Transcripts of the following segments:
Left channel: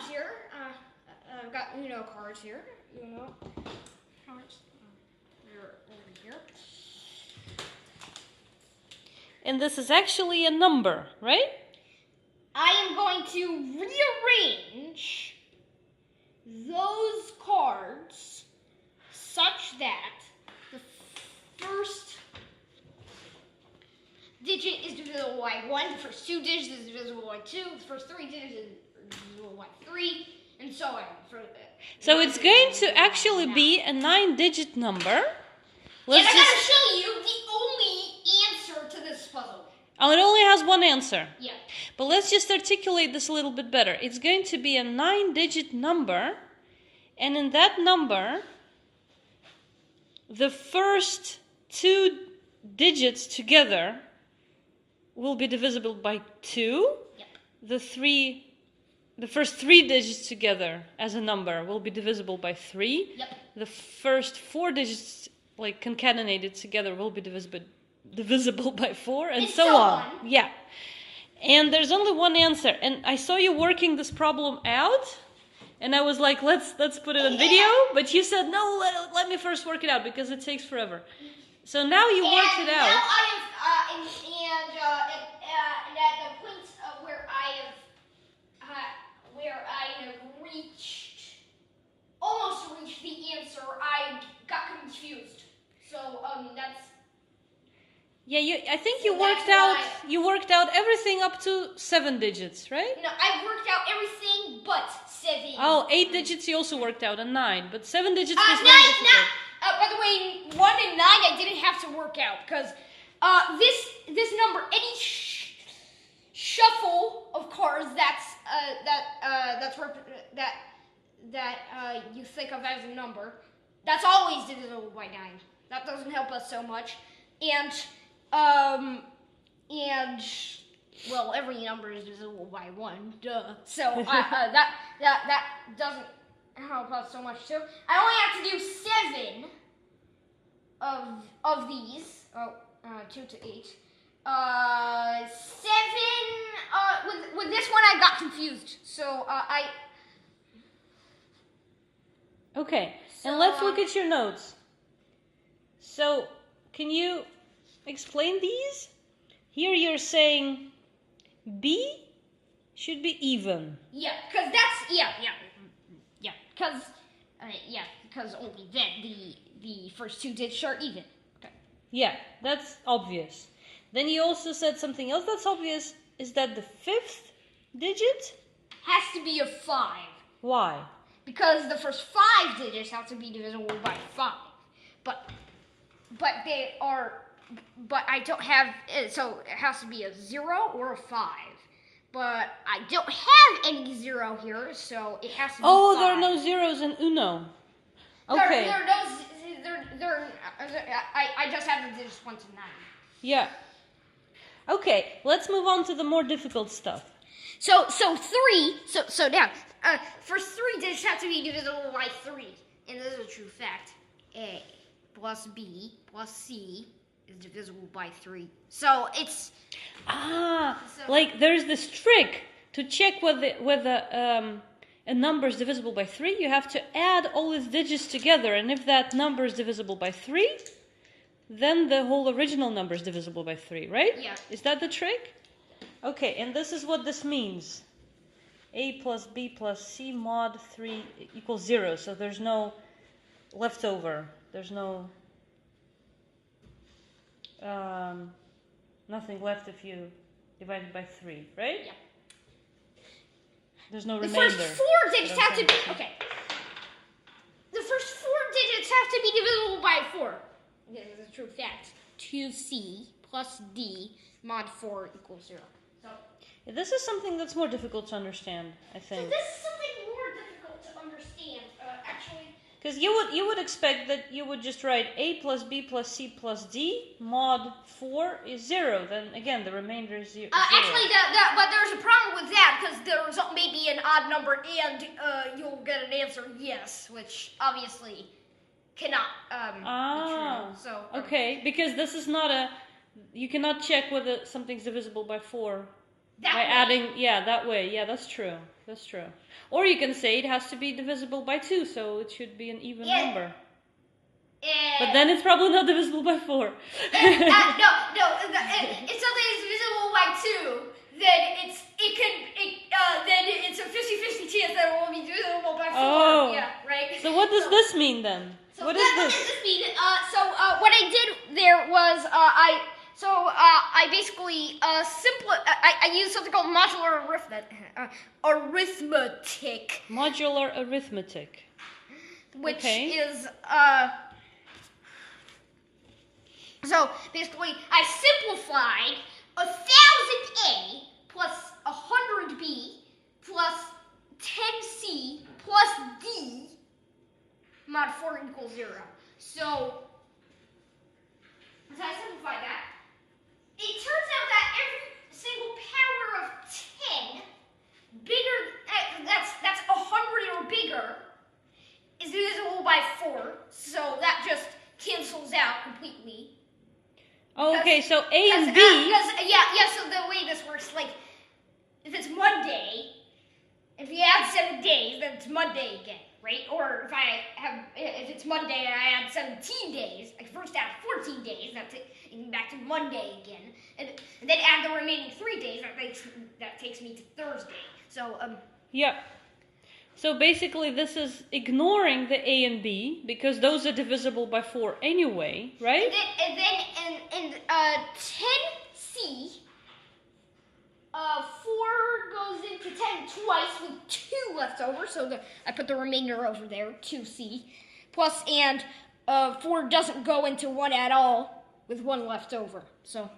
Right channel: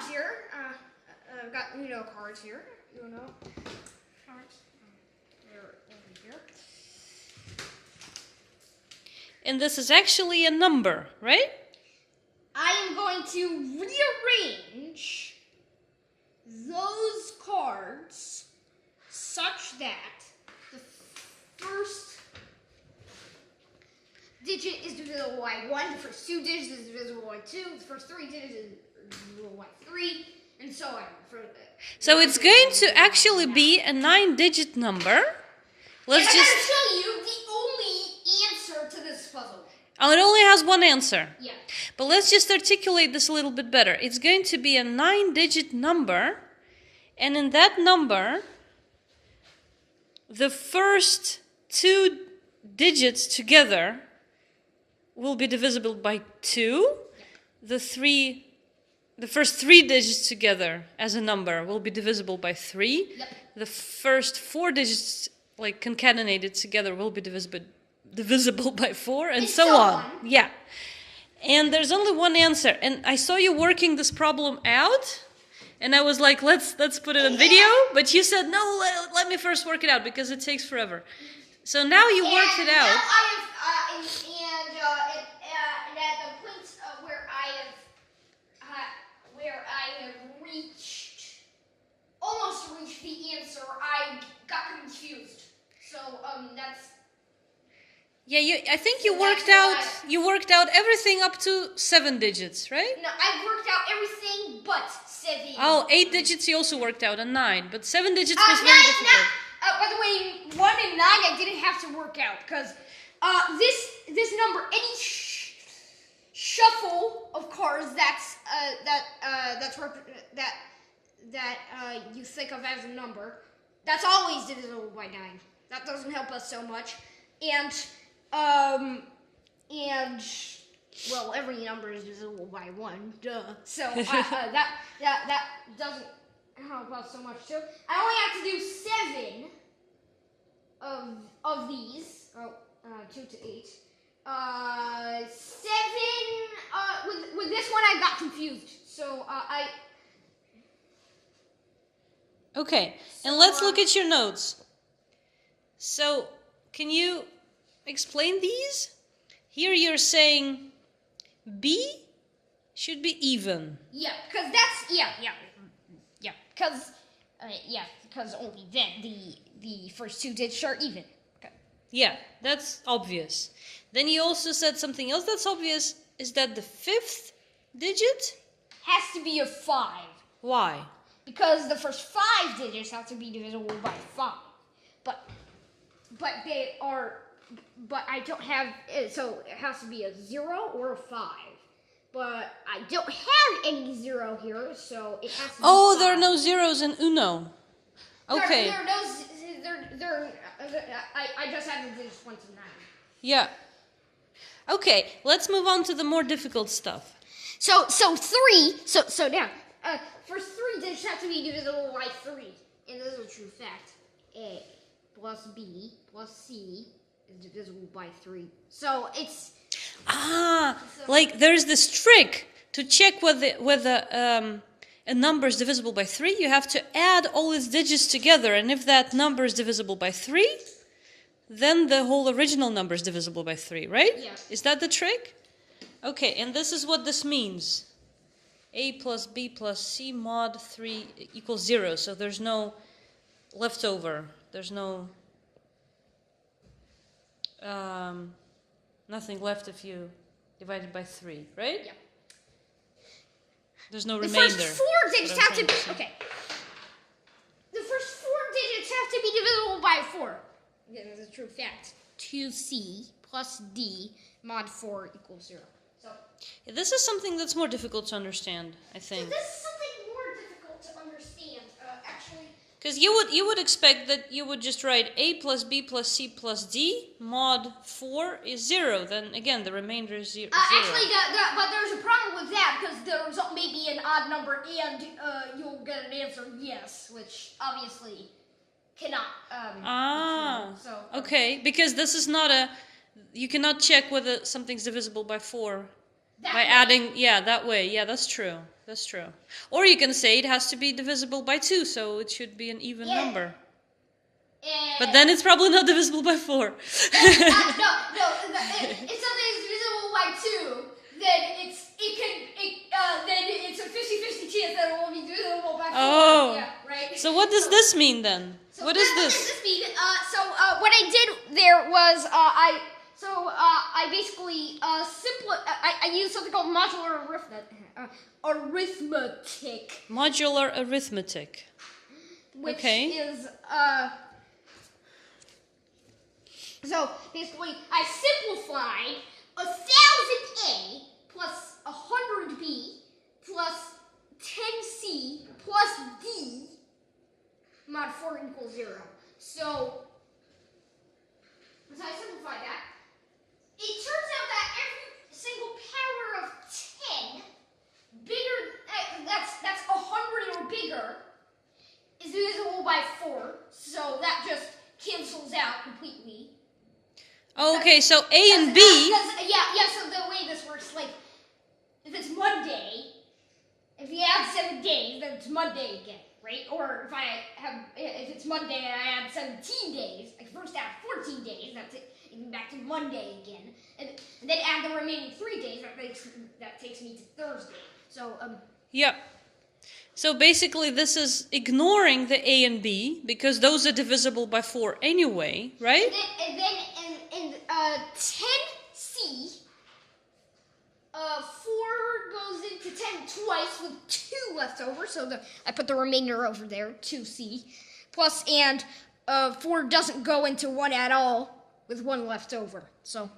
cards here. I've got Uno cards here. Uno cards. They're over here. And this is actually a number, right? I am going to rearrange those cards such that the first digit is divisible by 1, the first 2 digits is divisible by 2, the first 3 digits is divisible by 3, and so on. So it's going to actually be a 9-digit number. Let's and I'm going to show you the only answer to this puzzle. Oh, it only has one answer. Yeah. But let's just articulate this a little bit better. It's going to be a 9-digit number, and in that number, the first 2 digits together will be divisible by 2. Yep. The first 3 digits together as a number will be divisible by 3. Yep. The first 4 digits, like concatenated together, will be divisible by 4, and so on. Yeah. And there's only one answer. And I saw you working this problem out, and I was like, let's put it on video. But you said, no, let me first work it out because it takes forever. So now you worked it out. Now I have, and at the point where I have almost reached the answer, I got confused. So that's. Yeah, I think you worked out everything up to 7 digits, right? No, I worked out everything but 7. Oh, 8 digits you also worked out, and 9, but 7 digits was very difficult. By the way, 1 and 9 I didn't have to work out because this number, any shuffle of cards that you think of as a number, that's always divisible by 9. That doesn't help us so much, and well, every number is divisible by 1, duh. So that doesn't help us so much too. I only have to do 7 of these. 2 to 8. 7. With this one, I got confused. So Okay, and let's look at your notes. So, can you explain these? Here you're saying B should be even. Yeah, because because only then the first 2 digits are even. Okay. Yeah, that's obvious. Then you also said something else that's obvious, is that the 5th digit has to be a 5. Why? Because the first 5 digits have to be divisible by 5. But they are. But I don't have, so it has to be a 0 or a 5. But I don't have any 0 here, so it has to be 5. There are no zeros in Uno. Okay. I just have the digits 1 to 9. Yeah. Okay, let's move on to the more difficult stuff. So now, first 3 digits have to be divisible by 3. And this is a true fact. A plus B plus C is divisible by 3. So it's like there's this trick to check whether a number is divisible by 3. You have to add all its digits together, and if that number is divisible by 3, then the whole original number is divisible by 3, right? Yeah. Is that the trick? Okay, and this is what this means. A plus B plus C mod 3 equals 0. So there's no leftover. There's no nothing left if you divide it by 3, right? Yeah. There's no remainder. The first 4 digits have to be okay. The first 4 digits have to be divisible by 4. This is a true fact. 2C plus D mod 4 equals 0. So this is something that's more difficult to understand, I think. So this is something more difficult to understand, actually. Because you would expect that you would just write A plus B plus C plus D mod 4 is 0. Then again, the remainder is 0. Actually, but there's a problem with that because there's maybe an odd number and you'll get an answer yes, which obviously cannot be true. So okay, because this is not you cannot check whether something's divisible by 4 That By way. adding, yeah, that way. Yeah, that's true. That's true. Or you can say it has to be divisible by 2, so it should be an even number. But then it's probably not divisible by 4. No. If something is divisible by 2, then it's a 50-50 chance that it will be divisible by 4. Oh. Yeah, right. So what does this mean then? So What is What this? does this mean? What I did there was I basically I used something called modular arithmetic, Modular arithmetic. which Okay. is so basically I simplified 1,000A plus 100B plus 10C plus D mod 4 equals 0. So as I simplify that, it turns out that every single power of 10 bigger, that's 100 or bigger, is divisible by 4. So that just cancels out completely. Okay, so A and B. So the way this works, like, if it's Monday, if you add 7 days, then it's Monday again, right? Or if it's Monday and I add 17 days, I first add 14 days, that's it, and back to Monday again, and then add the remaining 3 days, that takes me to Thursday. So, Yep. So basically this is ignoring the A and B, because those are divisible by 4 anyway, right? and 10C, 4 goes into 10 twice with 2 left over, so I put the remainder over there, 2C, plus, and 4 doesn't go into 1 at all with 1 left over. So,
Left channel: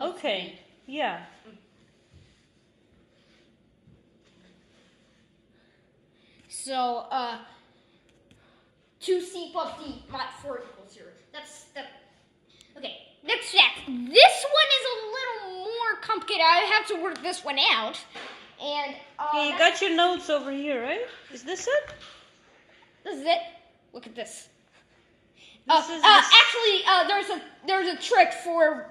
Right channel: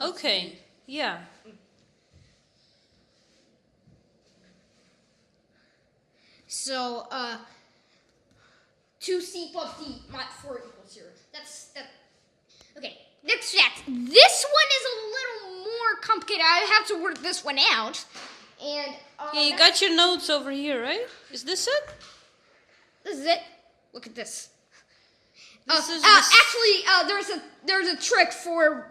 Okay, yeah. So, 2C plus D mod 4 equals 0. Okay, next fact. This one is a little more complicated. I have to work this one out. And Yeah, you got your notes over here, right? Is this it? This is it. Look at this. This is Actually, there's a trick for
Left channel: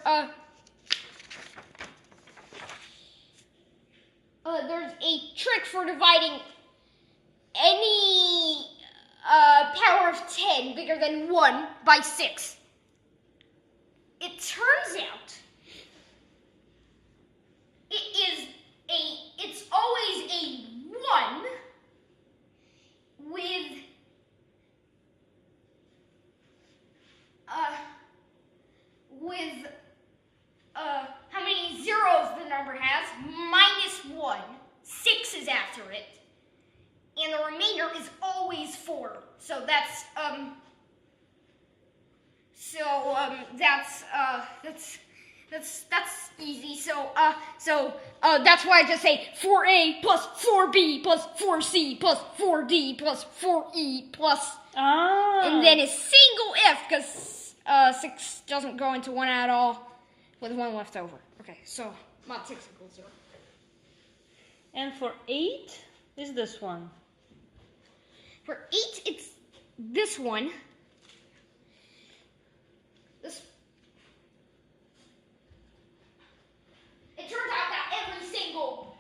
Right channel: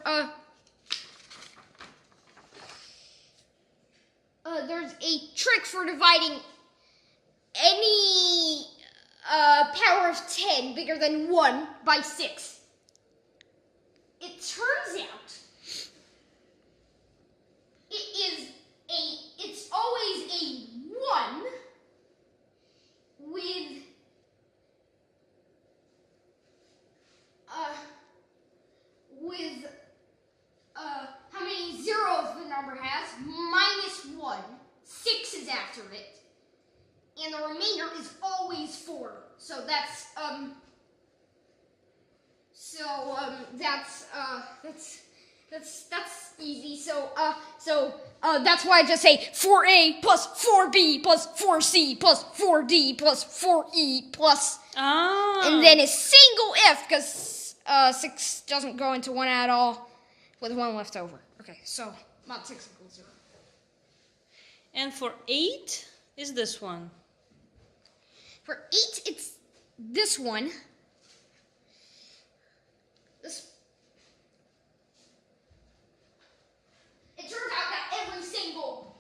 there's a trick for dividing any power of 10 bigger than 1 by 6. It turns out it's always a 1 with how many zeros the number has, minus 1. 6 is after it. And the remainder is always 4. So that's easy. So that's why I just say 4A plus 4B plus 4C plus 4D plus 4E plus, and then a single if, because 6 doesn't go into 1 at all with 1 left over. Okay, so mod 6 equals 0. And for 8 is this one. For 8, it's this one. It turns out that every single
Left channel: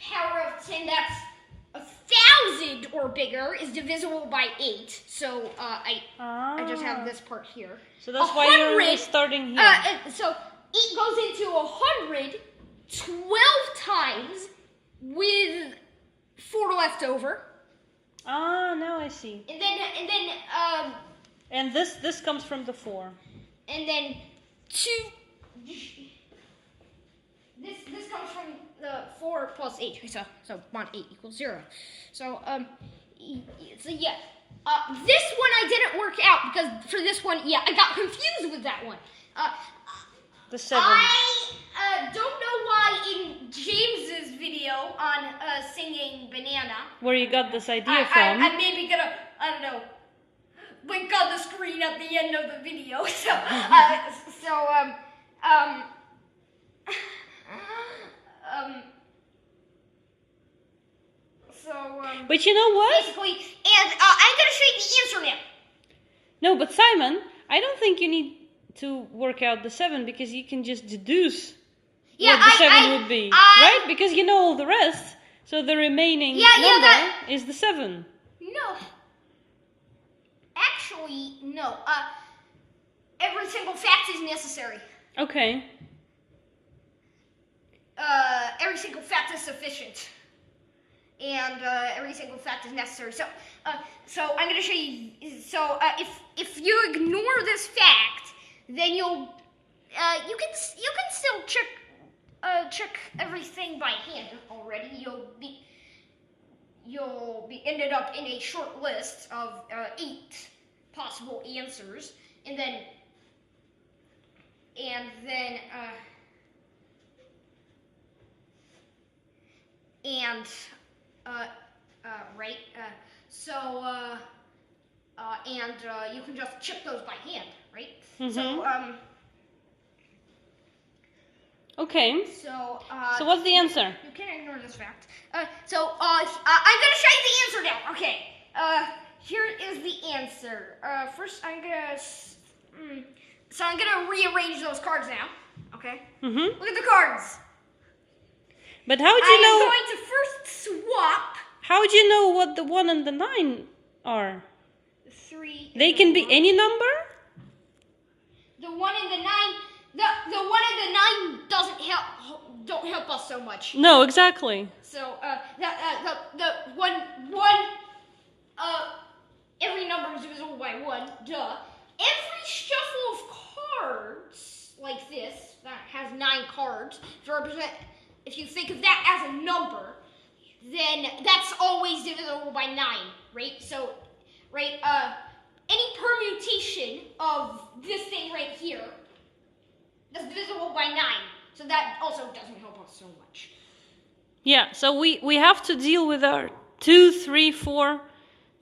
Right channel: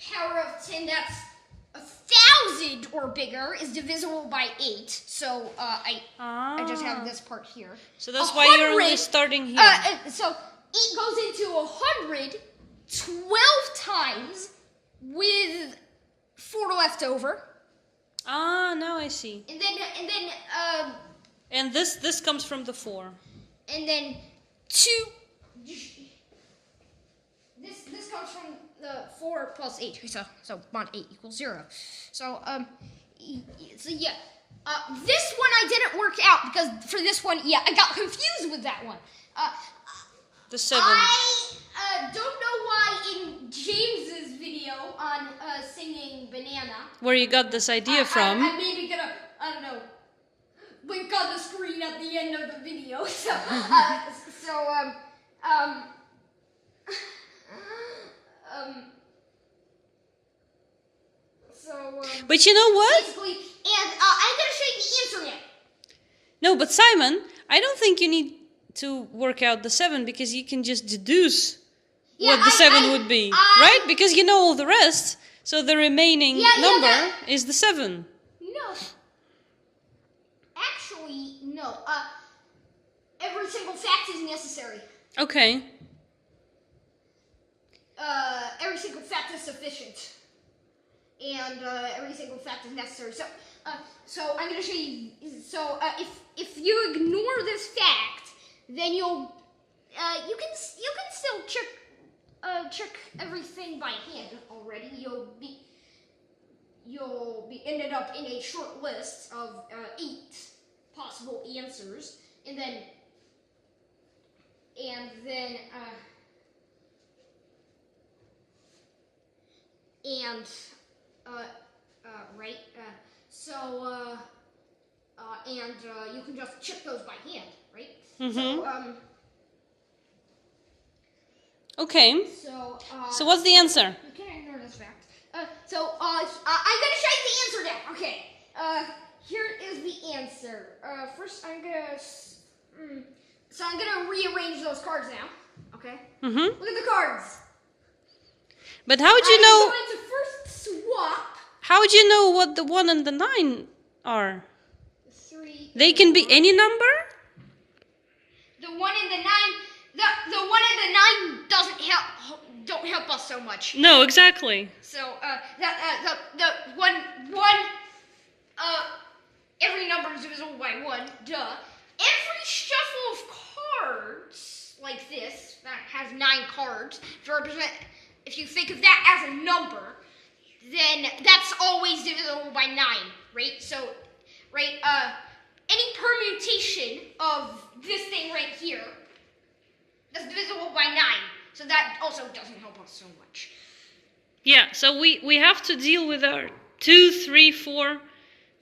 power of 10 that's 1,000 or bigger is divisible by 8. So I just have this part here. So that's why you're only starting here. So 8 goes into 100 12 times with 4 left over. Now I see. And then this comes from the 4. And then 2. This comes from the 4 plus 8. So mod 8 equals 0. So yeah. This one I didn't work out because for this one, yeah, I got confused with that one. The 7. I don't know why in James's video on singing Banana, Where you got this idea from. I'm maybe gonna, I don't know, link on the screen at the end of the video. But you know what? Basically, and I'm gonna show you the answer now. No, but Simon, I don't think you need to work out the 7 because you can just deduce Yeah, what the 7 would be, right? Because you know all the rest. So the remaining number is the 7. No. Actually, no. Every single fact is necessary. Okay. Every single fact is sufficient. And every single fact is necessary. So I'm going to show you. So if you ignore this fact, then you can still check everything by hand already. You'll be ended up in a short list of 8 possible answers, and then right. You can just check those by hand, right? Mm-hmm. Okay. So what's the answer? You can't ignore this fact. I'm gonna show you the answer now. Okay. Here is the answer. First, I'm gonna rearrange those cards now. Okay. Mm-hmm. Look at the cards. But how would you know? I'm going to first swap. How would you know what the 1 and the 9 are? 3. They can be any number? The 1 and the 9. The 1 and the 9 don't help us so much. No, exactly. So the one every number is divisible by 1. Duh. Every shuffle of cards like this that has 9 cards to represent. If you think of that as a number, then that's always divisible by 9, right? So, right, any permutation of this thing right here, that's divisible by 9. So that also doesn't help us so much. Yeah, so we have to deal with our 2, 3, 4,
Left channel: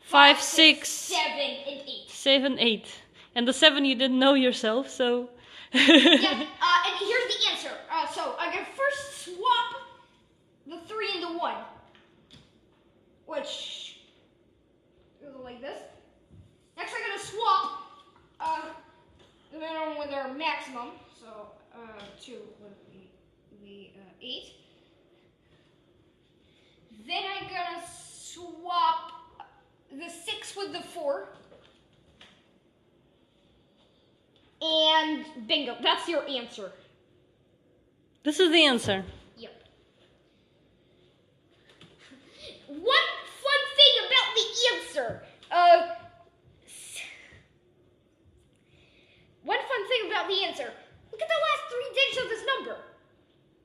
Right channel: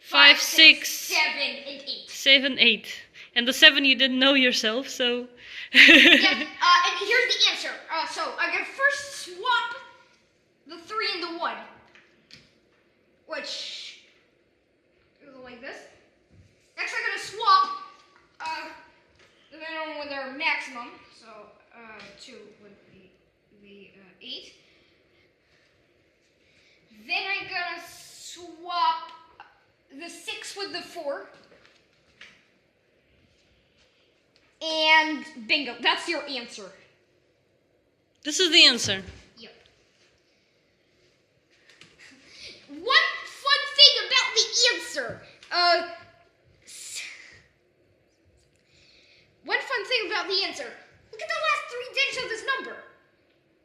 5, 6, 7, and 8. 7, 8. And the 7 you didn't know yourself, so... And here's the answer. So I'm going to first swap the 3 and the 1. Which goes like this. Next I'm going to swap depending on with their maximum. So 2 with the 8. Then I'm going to swap the 6 with the 4. And bingo, that's your answer. This is the answer. Yep. One fun thing about the answer. One fun thing about the answer. Look at the last 3 digits of this number.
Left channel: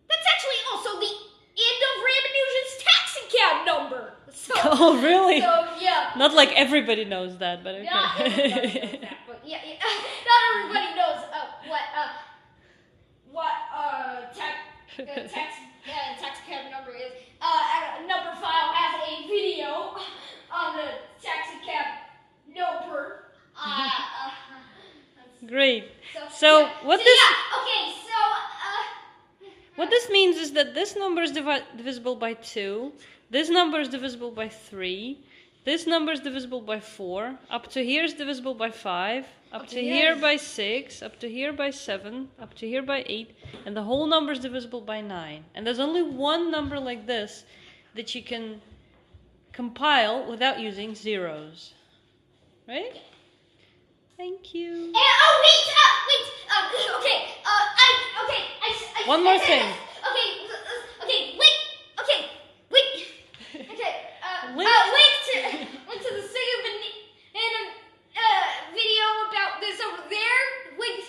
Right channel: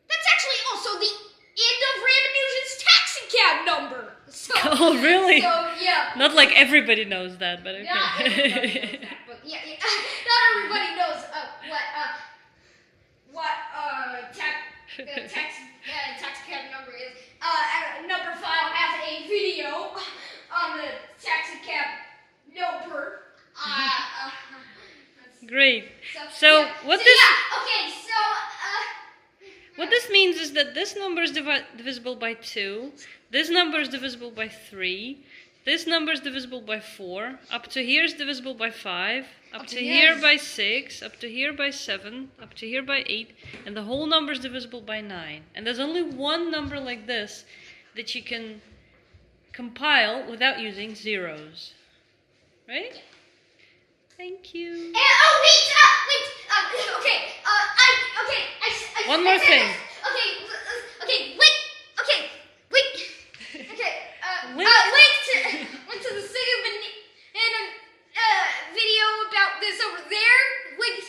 That's actually also the end of Random Fusion's taxicab number. So, Oh, really? So, yeah. Not like everybody knows that, but okay. Not everybody knows that, but yeah, not everybody knows what taxicab number is. Number file has a video on the taxicab number. Great. So what What this means is that this number is divisible by 2, this number is divisible by 3, this number is divisible by 4, up to here is divisible by 5, up to here by 6, up to here by 7, up to here by 8, and the whole number is divisible by 9. And there's only one number like this that you can compile without using zeros. Right? Yeah. Thank you. And, okay. One more thing. Link to the Sega video about this over there. Link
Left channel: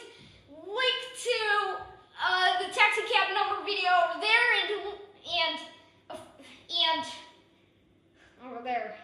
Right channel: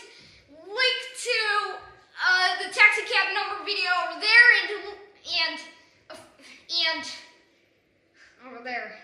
to the taxi cab number video over there, and over there.